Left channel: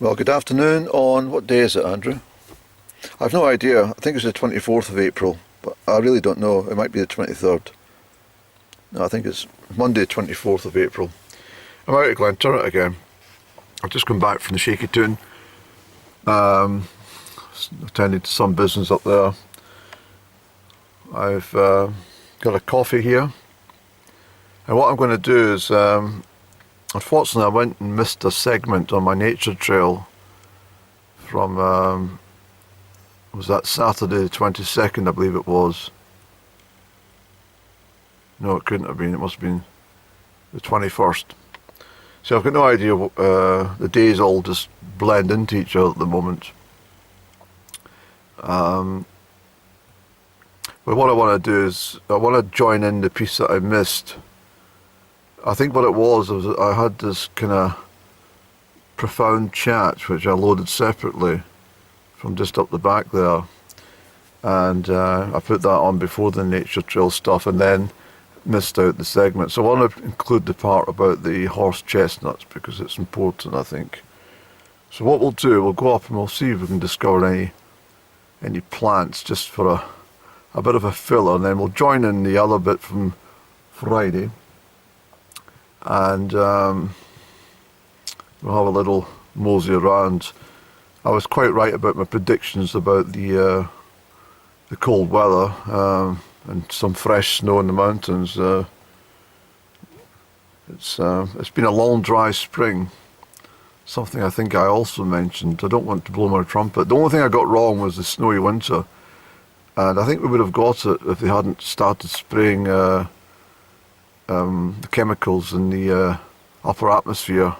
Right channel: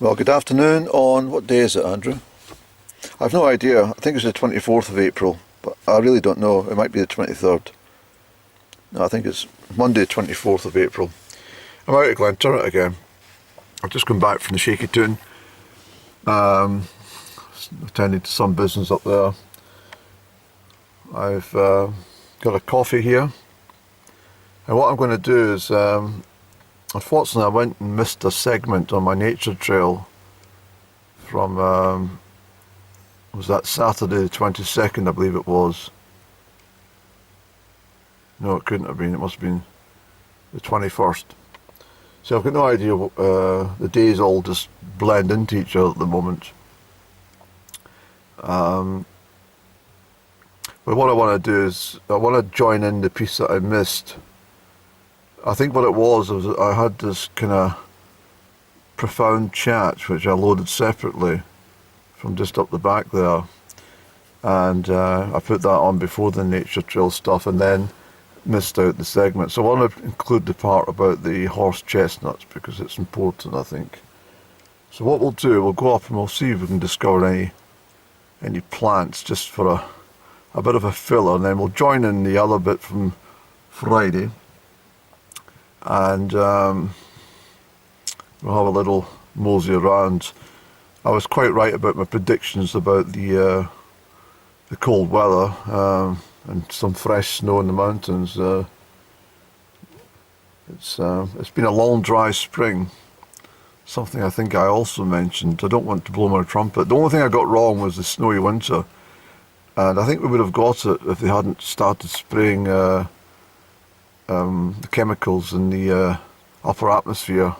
Well, good afternoon on, what day is it, Andrew? I've no idea. I think it's the 24th of April, but I really don't know. It might be the 23rd. No, I think it's Monday, 24th of April. I'm out at Glenturret again. I've just come back from the Shaky Toon. Attended to some business up there. I've got a coffee here. And what I'm going to do is, unfortunately, I went and missed a segment on my nature trail from, was that Saturday the 22nd, I believe it was. No, it couldn't have been. It must have been the 21st. So I've got no idea. The days all just blend into each other at the moment. But what I want to do is, I want to join in the piece that I missed. I think what it was I had this kind of profound chat, which I loaded separately from just up the back there. And I put that on before the nature trail stuff and then missed out the segment. So I want to include the part about the horse chestnuts because it's important, I think. So what we'll do, we'll go up and we'll see if we can discover any plants just for a bit of a filler, and then we'll join in the other bit from Friday. And we'll have a little mosey around. I was quite right about my predictions about the cold weather and some fresh snow in the mountains. It's been a long, dry spring. Something I think I also mentioned. I don't want to blow my trumpet. The only thing I got wrong was the snowy winter, and I think we would have got it if they hadn't started spraying the chemicals in the upper atmosphere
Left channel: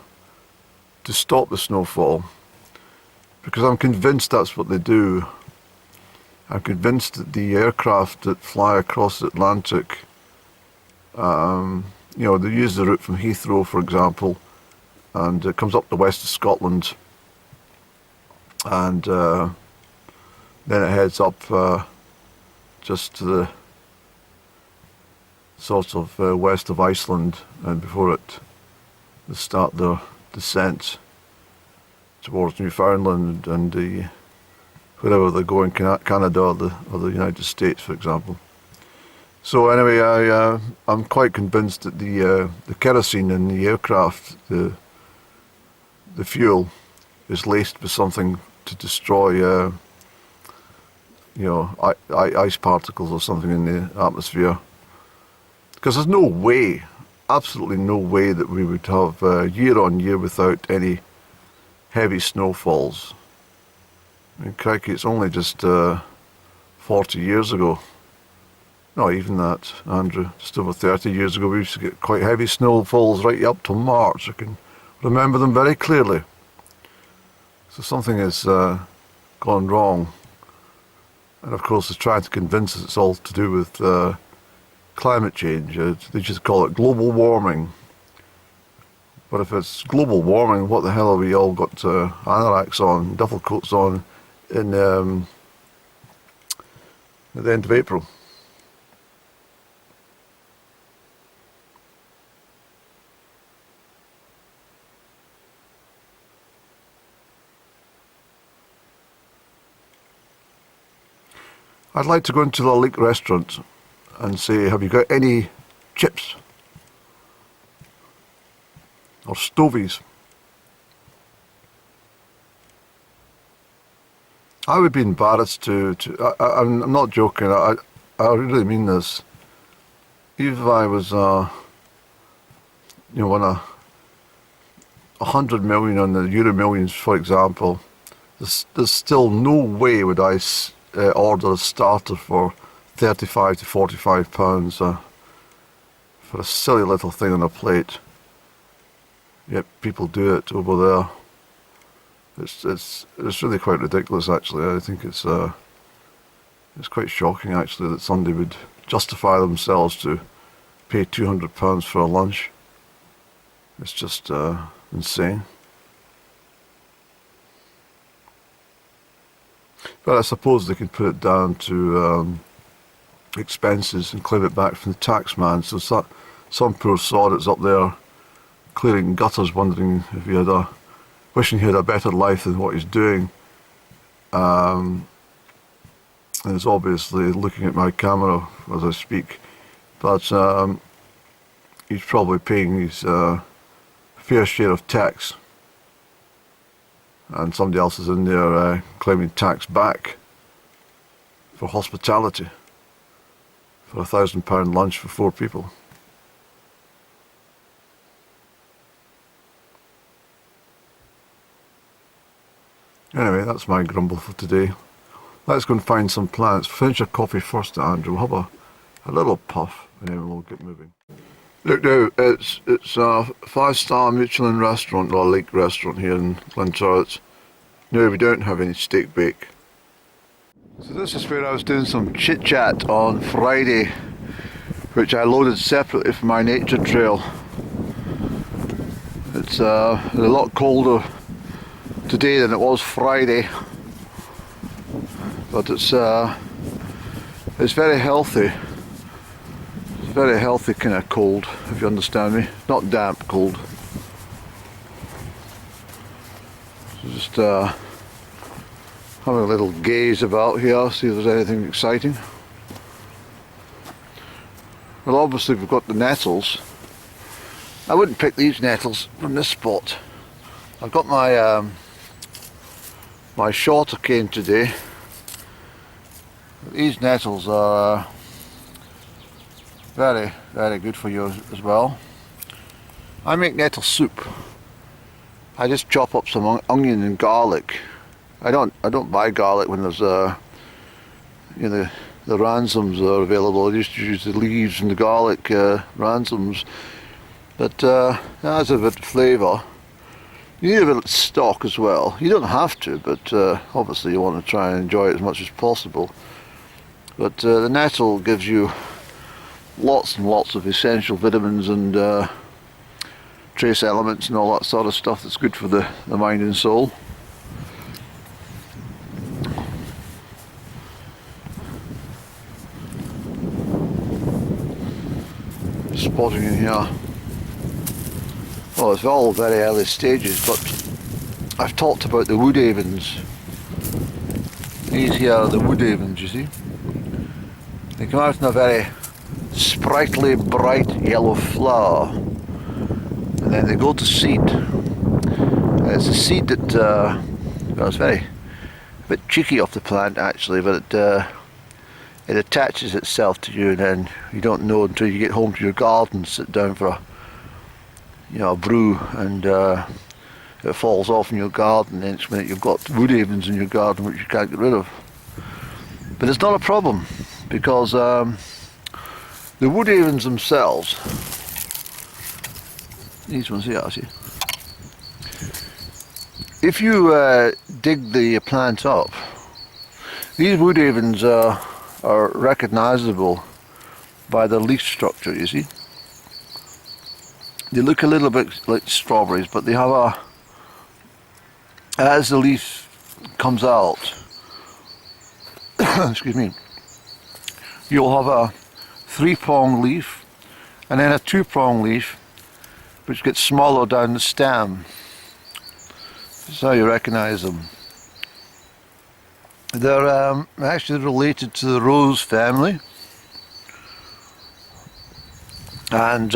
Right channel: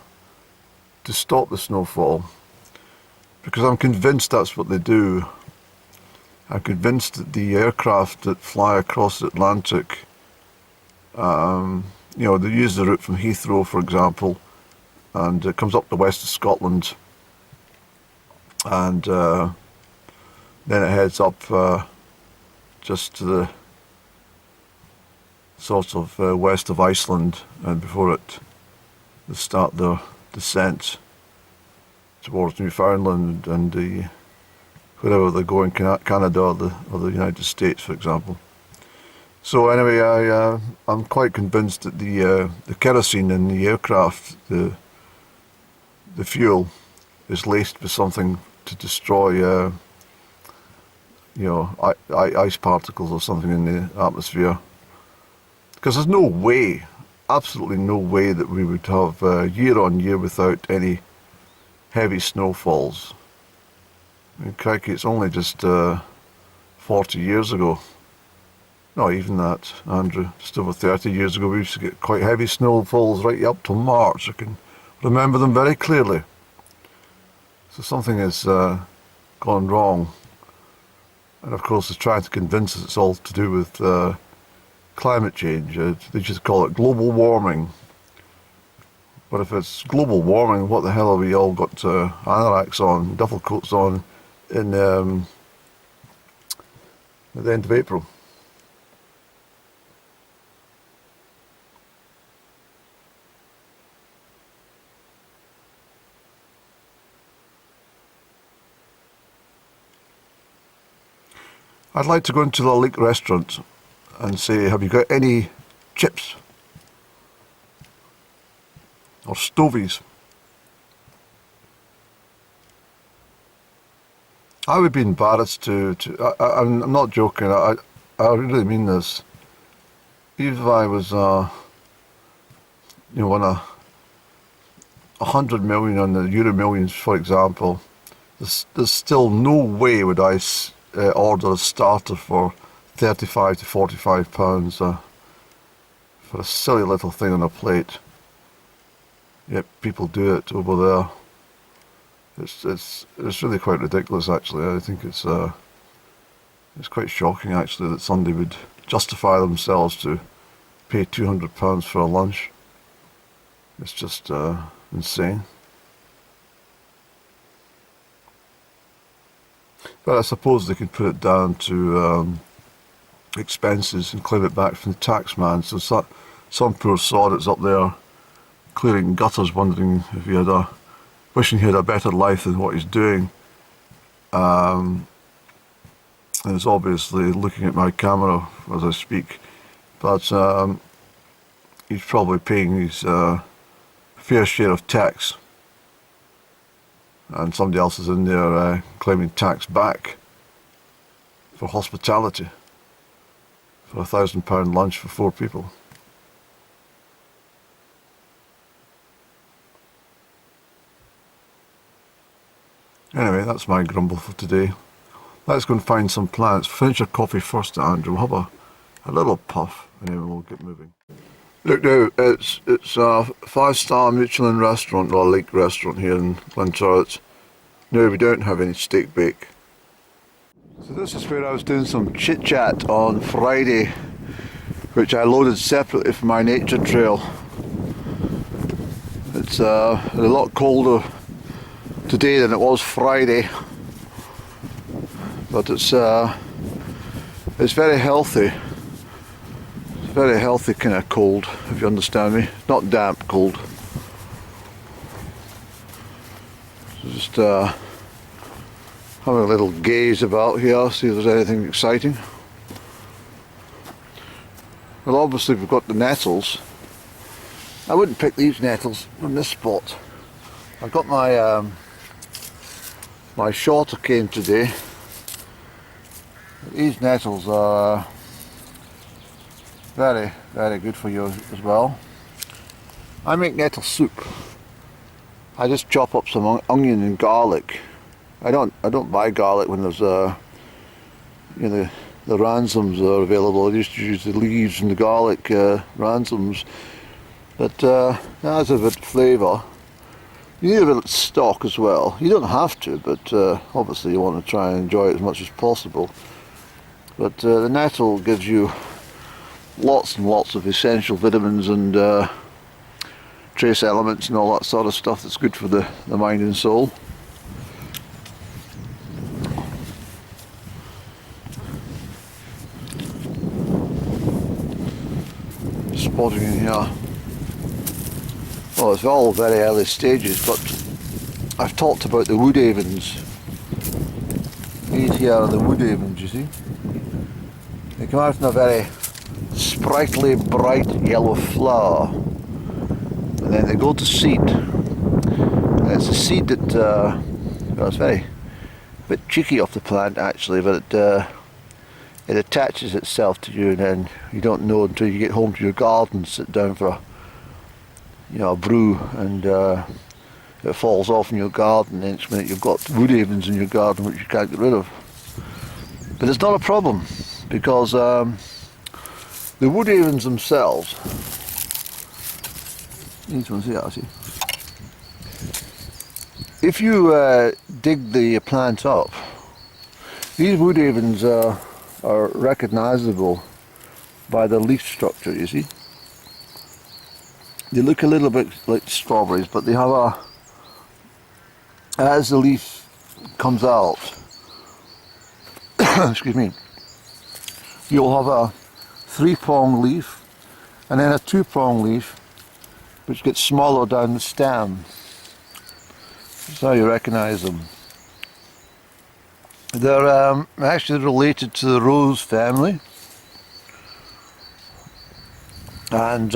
to stop the snowfall, because I'm convinced that's what they do. I'm convinced that the aircraft that fly across the Atlantic, they use the route from Heathrow, for example, and it comes up the west of Scotland, and then it heads up just to the sort of west of Iceland, and before they start their descent towards Newfoundland and wherever they're going, Canada or the United States, for example. So anyway, I'm quite convinced that the kerosene in the aircraft, the fuel, is laced with something to destroy, ice particles or something in the atmosphere. Because there's no way, absolutely no way, that we would have year on year without any heavy snowfalls. I mean, crikey, it's only just 40 years ago. Not even that, Andrew. Just over 30 years ago, we used to get quite heavy snowfalls right up till March. I can remember them very clearly. So something has gone wrong. And of course, they're trying to convince us it's all to do with climate change. They just call it global warming. But if it's global warming, what the hell have we all got anoraks on, duffel coats on at the end of April? I'd like to go into the Leek restaurant and say, have you got any chips or stovies? I would be embarrassed I'm not joking, I really mean this. Even if I was, won 100 million on the Euro Millions, for example, there's still no way would I order a starter for 35 to 45 pounds for a silly little thing on a plate. Yet people do it over there. It's really quite ridiculous, actually. I think it's quite shocking, actually, that somebody would justify themselves to pay £200 for a lunch. It's just insane. But I suppose they can put it down to expenses and claim it back from the tax man. So some poor sod that's up there clearing gutters wondering if he had a wishing he had a better life than what he's doing. And is obviously looking at my camera as I speak, but he's probably paying his fair share of tax, and somebody else is in there claiming tax back for hospitality for £1,000 lunch for 4 people. Anyway, that's my grumble for today. Let's go and find some plants. Finish our coffee first, Andrew. We'll have a little puff and then we'll get moving. Look now, it's a 5-star Michelin restaurant, or lake restaurant here in Glenturret. No, we don't have any steak bake. So this is where I was doing some chit chat on Friday, which I loaded separately for my nature trail. It's a lot colder today than it was Friday, but it's very healthy. It's a very healthy kind of cold, if you understand me. Not damp cold. So just having a little gaze about here, see if there's anything exciting. Well, obviously we've got the nettles. I wouldn't pick these nettles from this spot. I've got my my shorter cane today. These nettles are very, very good for you as well. I make nettle soup. I just chop up some onion and garlic. I don't buy garlic when there's you know, the ransoms are available. I just use the leaves and the garlic ransoms. But it has a bit of flavour. You need a bit of stock as well. You don't have to, but obviously you want to try and enjoy it as much as possible. But the nettle gives you lots and lots of essential vitamins and trace elements and all that sort of stuff that's good for the mind and soul. Just spotting in here. Well, it's all very early stages, but I've talked about the wood avens. These here are the wood avens, you see. They come out in a very sprightly, bright yellow flower, and then they go to seed. And it's a seed that, well, it's a bit cheeky off the plant actually, but it attaches itself to you, and then you don't know until you get home to your garden, sit down for a brew, and it falls off in your garden. The next minute you've got wood avens in your garden which you can't get rid of. But it's not a problem, because the wood avens themselves, these ones here, see, if you dig the plant up, these wood avens are recognisable by the leaf structure, you see. They look a little bit like strawberries, but they have as the leaf comes out, excuse me, you'll have a 3-prong leaf and then a 2-prong leaf which gets smaller down the stem. That's how you recognise them. They're actually related to the rose family, and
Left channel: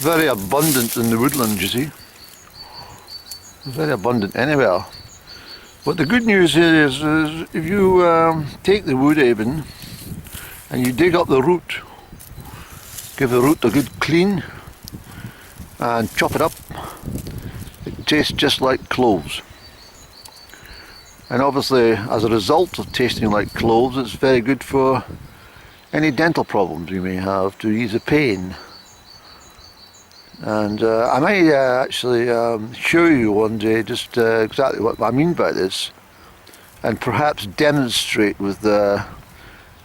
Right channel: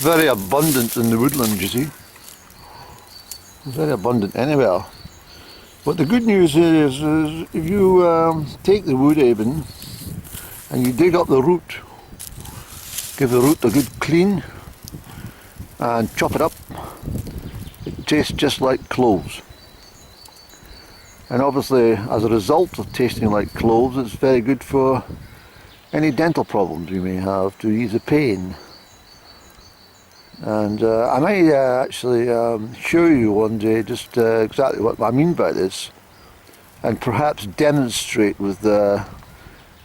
very abundant in the woodland, you see. Very abundant anywhere. But the good news here is if you take the wood aven and you dig up the root, give the root a good clean and chop it up, it tastes just like cloves. And obviously, as a result of tasting like cloves, it's very good for any dental problems you may have, to ease the pain. And I might actually show you one day just exactly what I mean by this, and perhaps demonstrate with a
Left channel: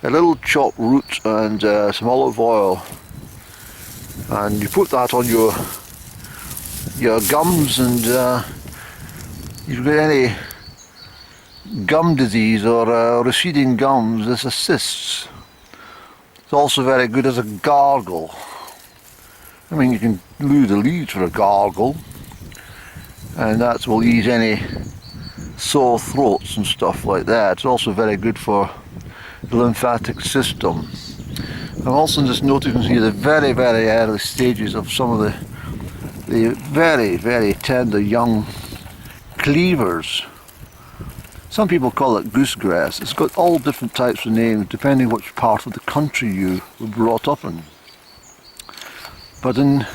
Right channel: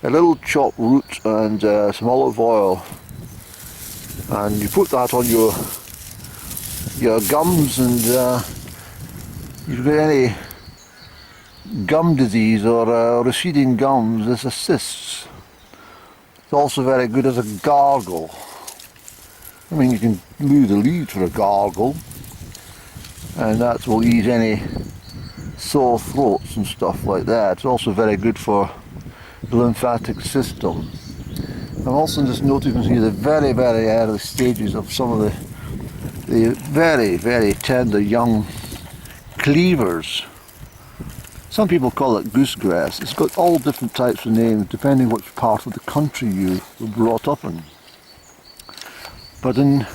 little chopped root and some olive oil, and you put that on your gums, and you've got any gum disease or receding gums, this assists. It's also very good as a gargle. I mean, you can do the leaves for a gargle, and that will ease any sore throats and stuff like that. It's also very good for the lymphatic system. I'm also just noticing here the very, very early stages of some of the very, very tender young cleavers. Some people call it goosegrass. It's got all different types of names depending which part of the country you were brought up in. But in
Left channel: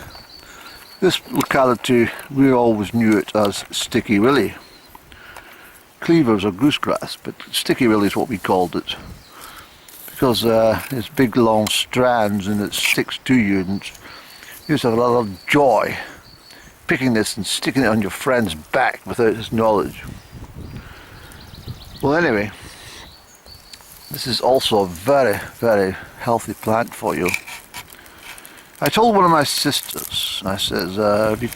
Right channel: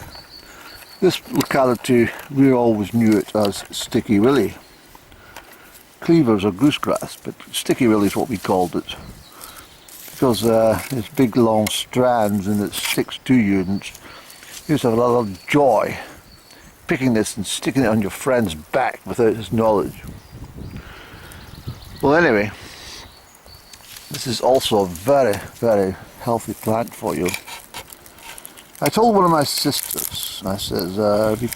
this locality, we always knew it as sticky willy. Cleavers are goosegrass, but sticky willy is what we called it, because it's big long strands and it sticks to you, and you used to have a lot of joy picking this and sticking it on your friend's back without his knowledge. Well, anyway, this is also a very, very healthy plant for you. I told one of my sisters, I says, if you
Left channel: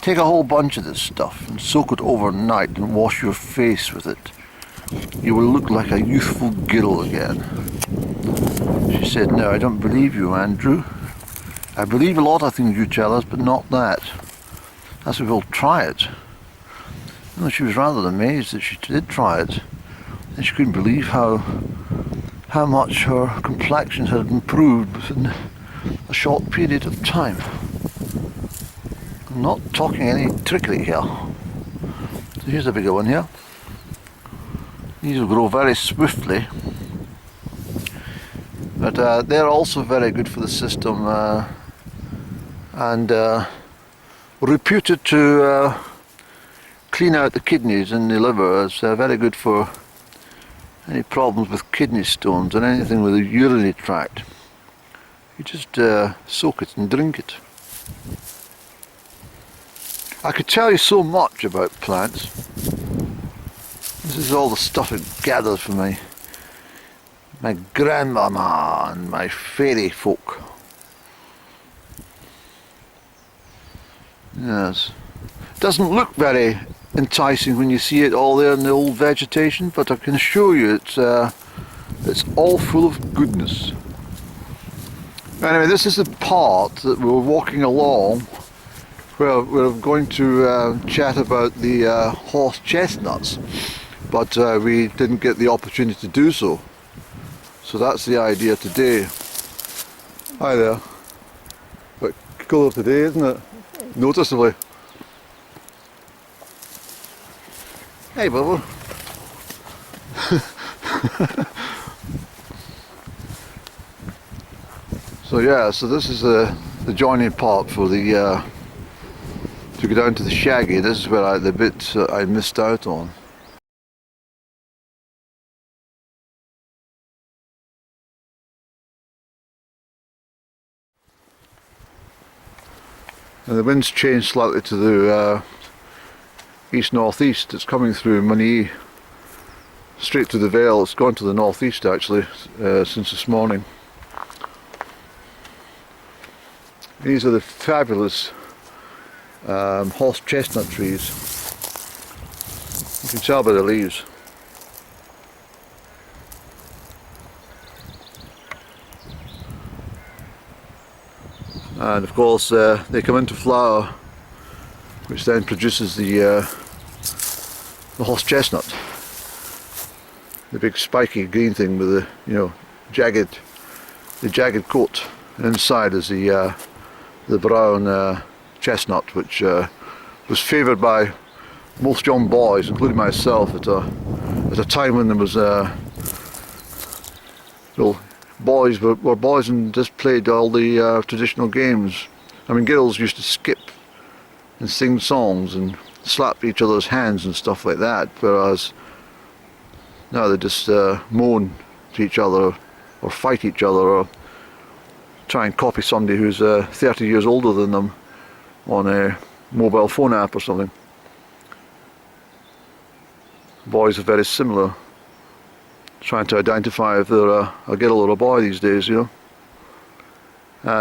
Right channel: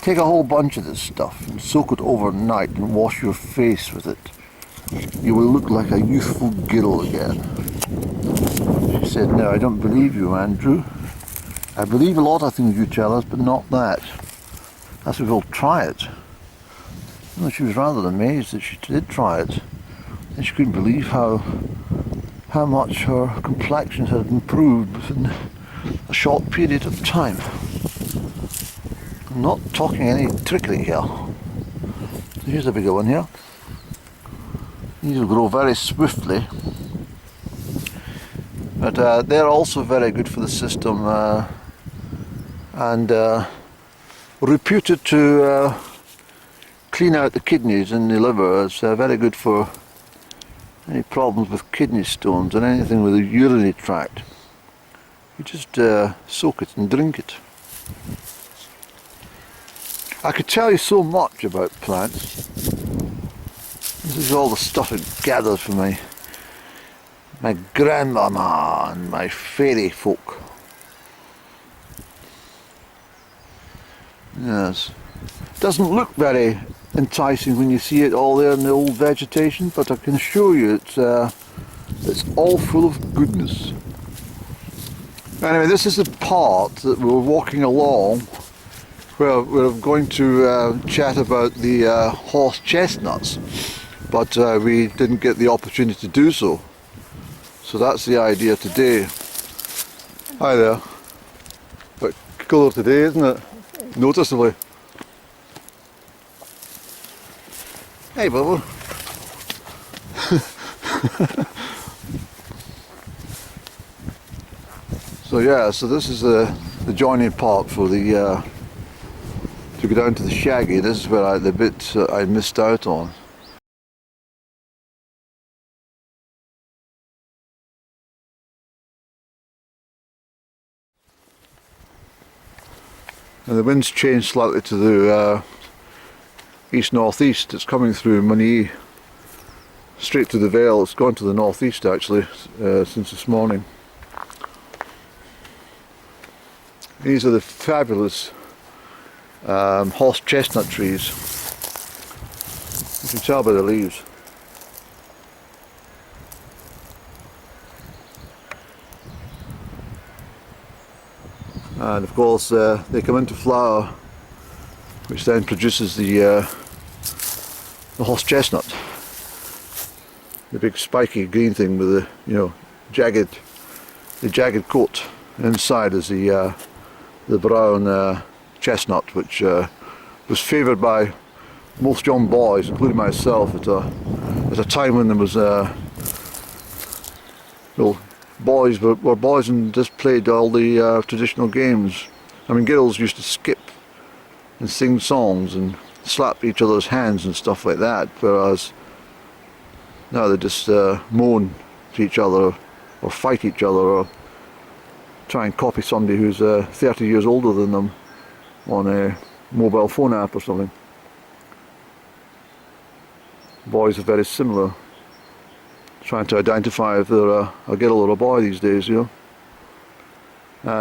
take a whole bunch of this stuff and soak it overnight and wash your face with it, you will look like a youthful girl again. She said, no, I don't believe you, Andrew. I believe a lot of things you tell us, but not that. I said, we'll try it. And she was rather amazed that she did try it. And she couldn't believe how much her complexion had improved within a short period of time. I'm not talking any trickery here. So here's a bigger one here. These will grow very swiftly, but they're also very good for the system and reputed to clean out the kidneys and the liver. It's very good for any problems with kidney stones and anything with the urinary tract. You just soak it and drink it. I could tell you so much about plants. This is all the stuff I gathered from my grandmama and my fairy folk. Yes. Doesn't look very enticing when you see it all there in the old vegetation, but I can assure you it's all full of goodness. Anyway, this is the part that we're walking along where we're going to chat about the horse chestnuts, but we didn't get the opportunity to do so. So that's the idea today. Hi there. But cooler today, isn't it? Noticeably. Hey, Bubba. So yeah, so this is the joining part for the to go down to the Shaggy. This is where the bit I missed out on. And the wind's changed slightly to the east-northeast. It's coming through Money straight to the Vale. It's gone to the northeast actually since this morning. These are the fabulous horse chestnut trees. You can tell by the leaves. And of course they come into flower, which then produces the horse chestnut, the big spiky green thing with the jagged coat. And inside is the brown chestnut, which was favoured by most young boys, including myself, at a time when there was boys were boys and just played all the traditional games. I mean, girls used to skip and sing songs and slap each other's hands and stuff like that, whereas now they just moan to each other or fight each other or try and copy somebody who's 30 years older than them on a mobile phone app or something. Boys are very similar, trying to identify if they're a girl or a boy these days, you know.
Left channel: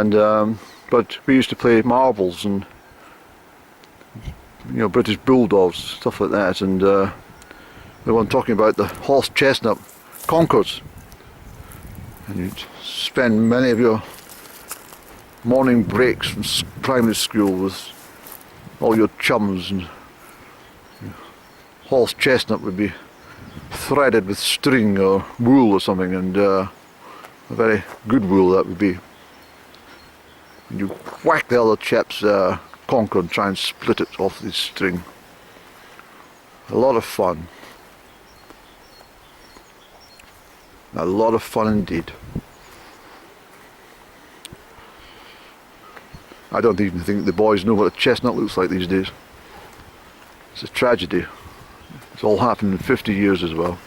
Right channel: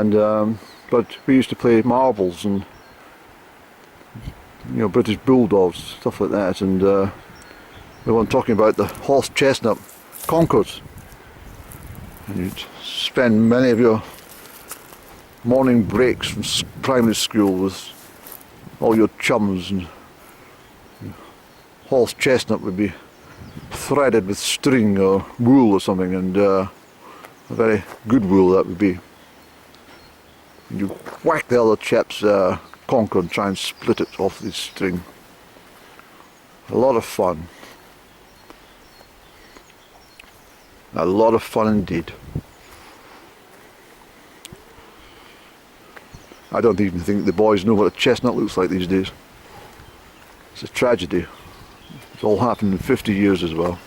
And but we used to play marbles and British bulldogs, stuff like that, and we weren't talking about the horse chestnut concords. And you'd spend many of your morning breaks from primary school with all your chums, and horse chestnut would be threaded with string or wool or something, and a very good wool that would be. And you whack the other chap's conker and try and split it off the string. A lot of fun. A lot of fun indeed. I don't even think the boys know what a chestnut looks like these days. It's a tragedy. It's all happened in 50 years as well.